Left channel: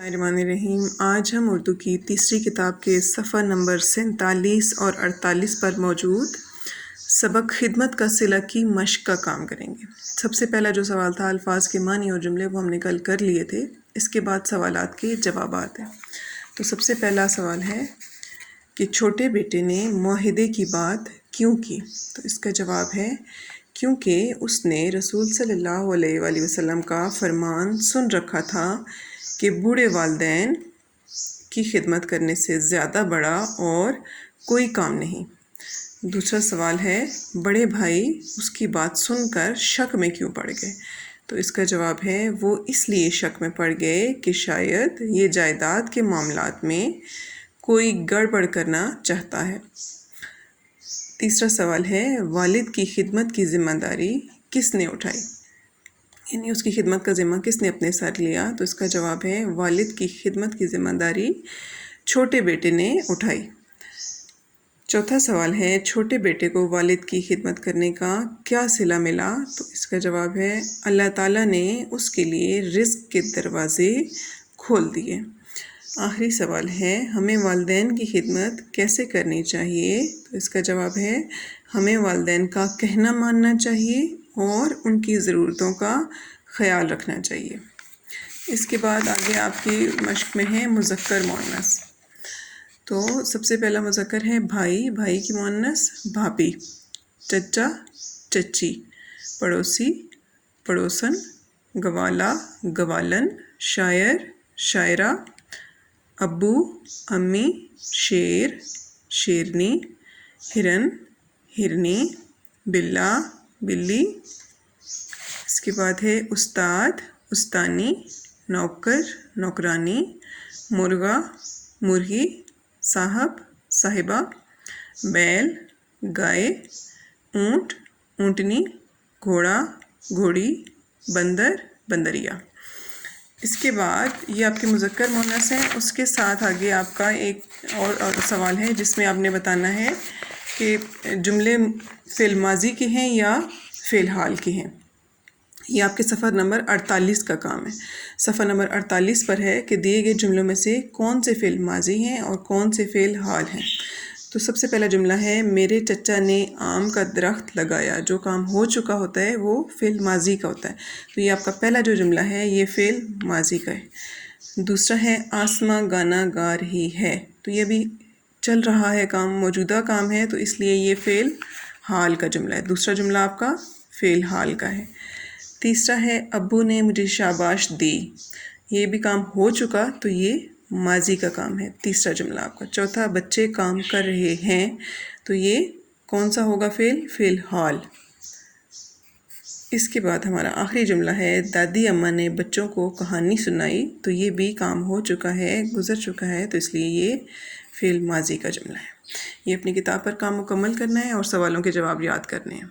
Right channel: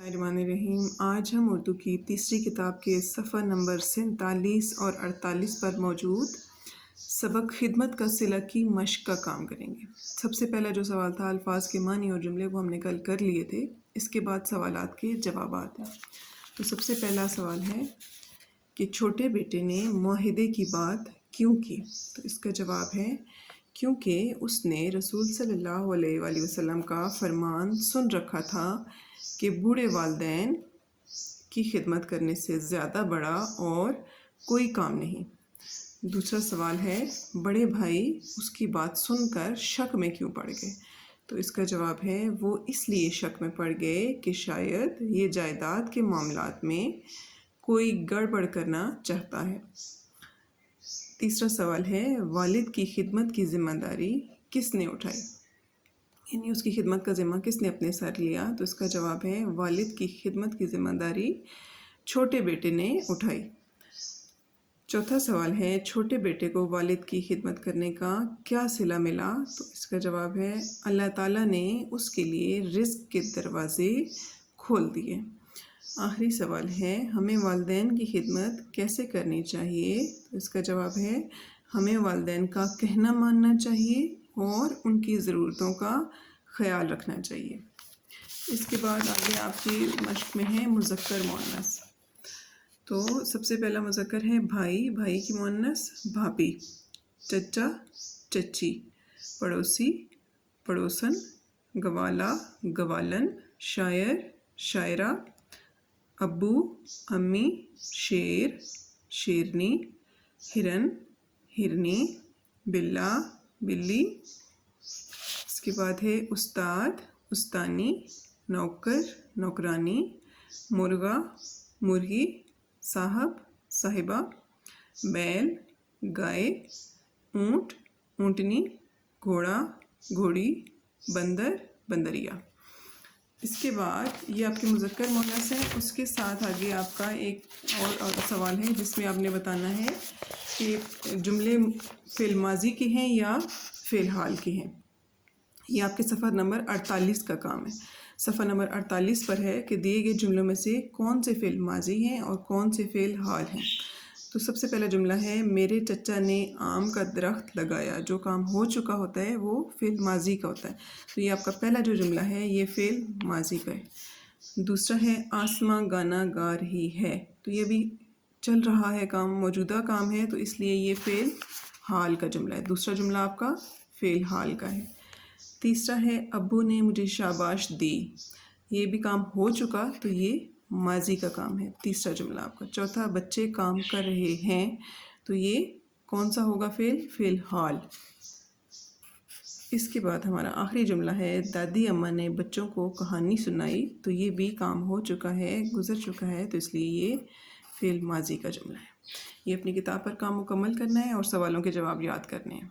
रहीम। आज हम उर्दू की तीसरी किताब के सफ़ा नंबर 47 और 48 पर मौजूद सबक खिदमत का सिला की मश्क का काम करेंगे। सबसे पहला जो सवाल था अल्फाज के मानी और जुमले वो हमने कल कर लिए थे। इसके बाद सवालात के जवाबात हैं। तो सबसे पहला सवाल है कि छोटे बेटे ने मुआहिदे की बात क्यों की। तो इसका जवाब है क्योंकि उसने रसूल सल्लल्लाहु अलैहि वसल्लम का फरमान सुन रखा था कि बूढ़े वालिदैन की खिदमत करने से ज़्यादा बड़ा और कोई काम नहीं। दूसरा सवाल है बड़े भाई उसकी बात सुनकर शक में क्यों पड़ गए। तो इसका जवाब है वो इसलिए शक में पड़ गए कि शायद ये जायदाद के मामलात में कोई गड़बड़ करना चाहता है। तीसरा सवाल है वालिद की खिदमत की ज़िम्मेदारी किसने उठाई, यानी उसकी खिदमत का ज़िम्मा किसने अपने सर लिया। तो इसका जवाब है वालिद की खिदमत की ज़िम्मेदारी छोटे बेटे ने उठाई। चौथा सवाल है छोटे बेटे को वालिद की खिदमत करने का क्या सिला मिला। तो इसका जवाब है अल्लाह ताला ने उसके लिए रिज़्क़ के दरवाज़े खोल दिए। आखिरी सवाल है हमें वालिदैन की खिदमत कैसे करनी चाहिए। तो इसका जवाब है हमें वालिदैन का कहना मानना चाहिए और उनकी ज़रूरतों का ख़याल रखना चाहिए। इसके बाद आगे आपकी मश्क में है मुज़क्कर मुअन्नस। तो सबसे पहला मुज़क्कर है भाई, भाई की मुअन्नस भाभी, चचा चची, पड़ोसी पड़ोसन, गवाला गवालन, शायर शायरा, अब्बू अम्मी, शेर शेरनी, हिरन हिरनी, बिल्ला बिल्ली। इसके बाद है उस्ताद उस्तानी, नौकर नौकरानी, मुर्गा मुर्गी, साहब साहिबा, बैल गाय, ऊँट ऊँटनी, घोड़ा घोड़ी, बंदर बंदरिया। इसके बाद ये आपके मुज़क्कर मुअन्नस हैं। उसके साथ आगे आपका एक और सवाल है जिसमें आपने बताना है कि जुमले फ़िल माज़ी के हैं या फ़िल हाल के हैं। ये आपके सफ़ा नंबर 48 का काम है। सफ़ा नंबर 48 पर है कि दिए गए जुमलों में से कौन से फ़िल माज़ी हैं और कौन से फ़िल हाल हैं। तो सबसे पहला जुमला है मेरे चचा ने आम का दरख्त लगाया। जो काम हो चुका होता है वो फ़िल माज़ी का होता है। तो ये आपका पहला जो जुमला है ये फ़िल माज़ी का है। दूसरा है आसमां गाना गा रही है। तो ये भी चल रहा है काम, मौजूदा काम है, तो इसलिए ये फ़िल हाल का जुमला है। दूसरा जुमला आपका फ़िल हाल का है। तीसरा है अब्बू ने मुझे शाबाश दी। ये भी काम हो चुका तो ये माजी का काम है, तीसरा जुमला आपका। चौथा बच्चे काम कर रहे हैं। तो ये कौन सा होगा फ़िल हाल। इसके बाद हमारा आखिरी जुमला है दादी अम्मा ने बच्चों को कहानी सुनाई। तो ये भी काम हो चुका है, गुज़र चुका है, तो इसलिए ये फ़िल माजी का जुमला है। ये अपनी किताब पर काम मुकम्मल करना है और सवालों के जवाब याद करने हैं।